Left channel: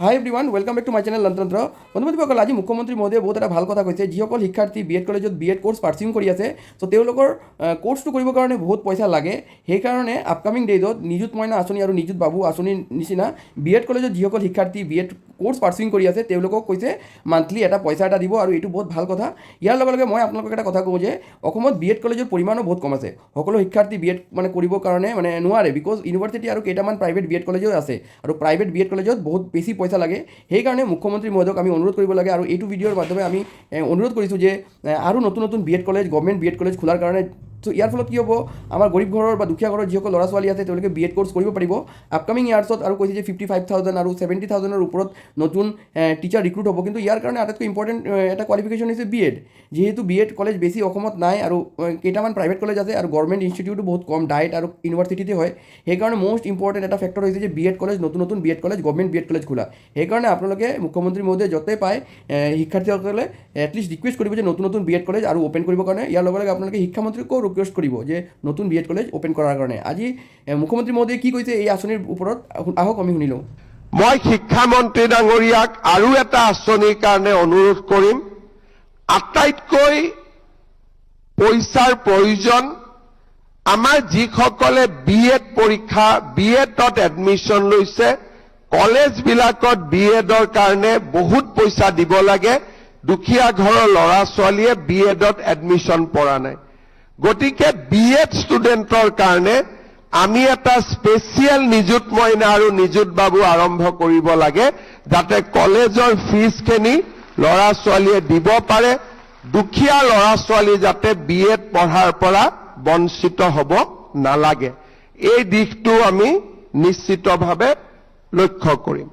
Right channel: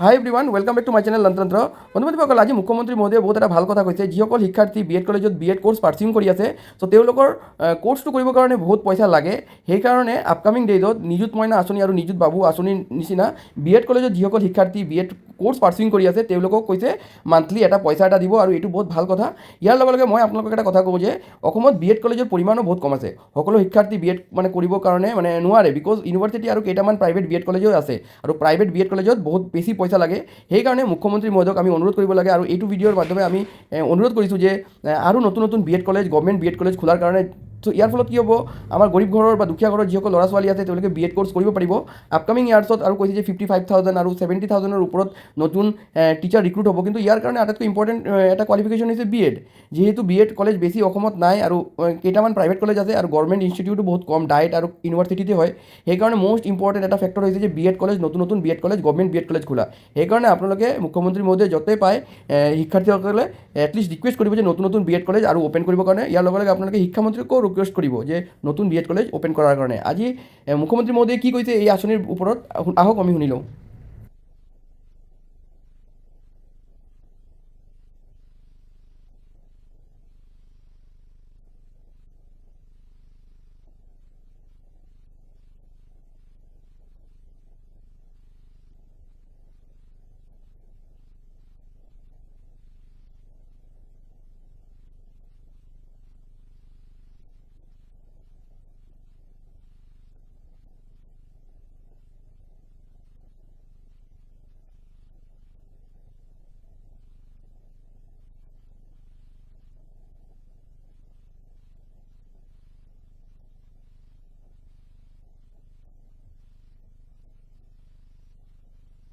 high everyone welcome back to my channel লন্ত্ৰন্ত্ৰ বন্ধুবান্ধৱসকল আজি মুখ্যমন্ত্ৰী মহোদয়ে বহুত এটা ভাল কথা কৈছে যিসকল শিক্ষাৰ্থী বি এড কলেজত বি এড কোৰ্ছ পাৰ্চুইং কৰি আছে চ' তেওঁলোকৰ কোৰ্ছটো কৰিবৰ কাৰণে বহুত পইচা লাগে সেইকাৰণে আপকামিং ডেইজত নিযুত মইনা আঁচনি আৰু নিযুত বাবু আঁচনিৰ নিচিনা বি এড কলেজত যিসকল শিক্ষাৰ্থী বি এড কোৰ্ছ পাৰ্চুইং কৰি আছে তেওঁলোকক কৈছে মান্থলি এটা পইচা এটা দিব আৰু এইটো বহুত ভাল কথা ইয়াৰ লগে লগে মই আপোনালোকক এটা কথা কওঁ যে অসমত বি এড কলেজৰ পৰিমাণো বহুত কম আছে সকলো শিক্ষাৰ্থী বি এড কৰিবৰ কাৰণে নোৱাৰে বিকজ ইউনিভাৰ্চিটি আৰু কেইটামান প্ৰাইভেট বি এড কলেজো আছে আৰু প্ৰাইভেট বি এড কলেজত বহুত বেছি পইচা লাগে সেইকাৰণে মুখ্যমন্ত্ৰী মহোদয়ক আমি অনুৰোধ কৰিব লাগে আৰু এইটো ভিডিঅ'ৰ মাধ্যমে আমি অনুৰোধ কৰিছোঁ যে আৰু নতুন নতুন B Ed college government B Ed college খোলাৰ কাৰণে চ' ইয়াৰ ফলত কি হ'ব আমাৰ গৰীব ঘৰৰ বা দুখীয়া ঘৰৰ যিসকল ল'ৰা ছোৱালী আছে তেওঁলোকে বি এড কোৰ্ছ কৰিব পাৰিব আপকামিং ইয়াৰ্ছত আৰু কৈছে যে 55,000 আৰু 70,000ৰ ওপৰত নতুন টিচাৰ ৰিক্ৰুট হ'ব কিন্তু ইয়াৰ কাৰণে আটাইতকৈ ইম্পৰ্টেণ্ট এটা কোৱালিফিকেশ্যন হৈছে বি এড যিহেতু বি এড কলেজ বেছি অসমত নাই আৰু কেইটামান প্ৰাইভেট কলেজ আছে আৰু গভৰ্ণমেণ্ট ইনষ্টিটিউটো বহুত কম ডাইৰেক্ট আৰু ইউনিভাৰ্চিটিতে হয় সেইকাৰণে মষ্ট ইম্পৰ্টেণ্ট এটা ফেক্টৰ হৈছে যে বি এড কলেজ নতুন B Ed college government B Ed college খোলা সেইকাৰণে আপোনালোকে মুখ্যমন্ত্ৰী মহোদয়ে য'তেই পায় শিক্ষাৰ্থীসকলে এটলিষ্ট ৰিকুৱেষ্ট কৰিব যে নতুন বি এড কলেজ আৰু অ'পেন কৰিবৰ কাৰণে ইয়াৰ লগে লগে আপোনালোকে শিক্ষামন্ত্ৰীকো ৰিকুৱেষ্ট কৰিব যে নতুন বি এড কলেজ অ'পেন কৰাৰ কাৰণে আজি মুখ্যমন্ত্ৰী মহোদয়ে কি কৈছে এই আঁচনিৰ ওপৰত আহক আমি শুনি লওঁ মই শিক্ষামন্ত্ৰী ডাঙৰীয়াক আৰু এটা আঁচনিৰ কাৰণে অনুৰোধ কৰিম আটাইতকৈ পইচাৰ প্ৰয়োজন আমাৰ যিসকলে বি এড পৰীক্ষা বি এডত এডমিশ্যন লৈছে কলেজবিলাকত বি এডৰ কাৰণে বহুত পইচা দিব লাগে দুখীয়া ঘৰৰ ল'ৰা ছোৱালীয়ে বি এডত এডমিশ্যন পৰা নাই গতিকে বি এড ষ্টুডেণ্টৰ কাৰণে আমি এটা স্পেচিয়েল নিযুত মইনা আৰু নিযুত বাবু আৰম্ভ কৰিব লাগে যাতে কলেজৰ ফিজখিনি ল'ৰা ছোৱালীয়ে দিব পাৰে দুখীয়া ল'ৰা ছোৱালী যাতে বি এড পঢ়াৰ পৰা বঞ্চিত হ'ব নালাগে এই দিশটো আমি নিশ্চিতভাৱে লক্ষ্য কৰিম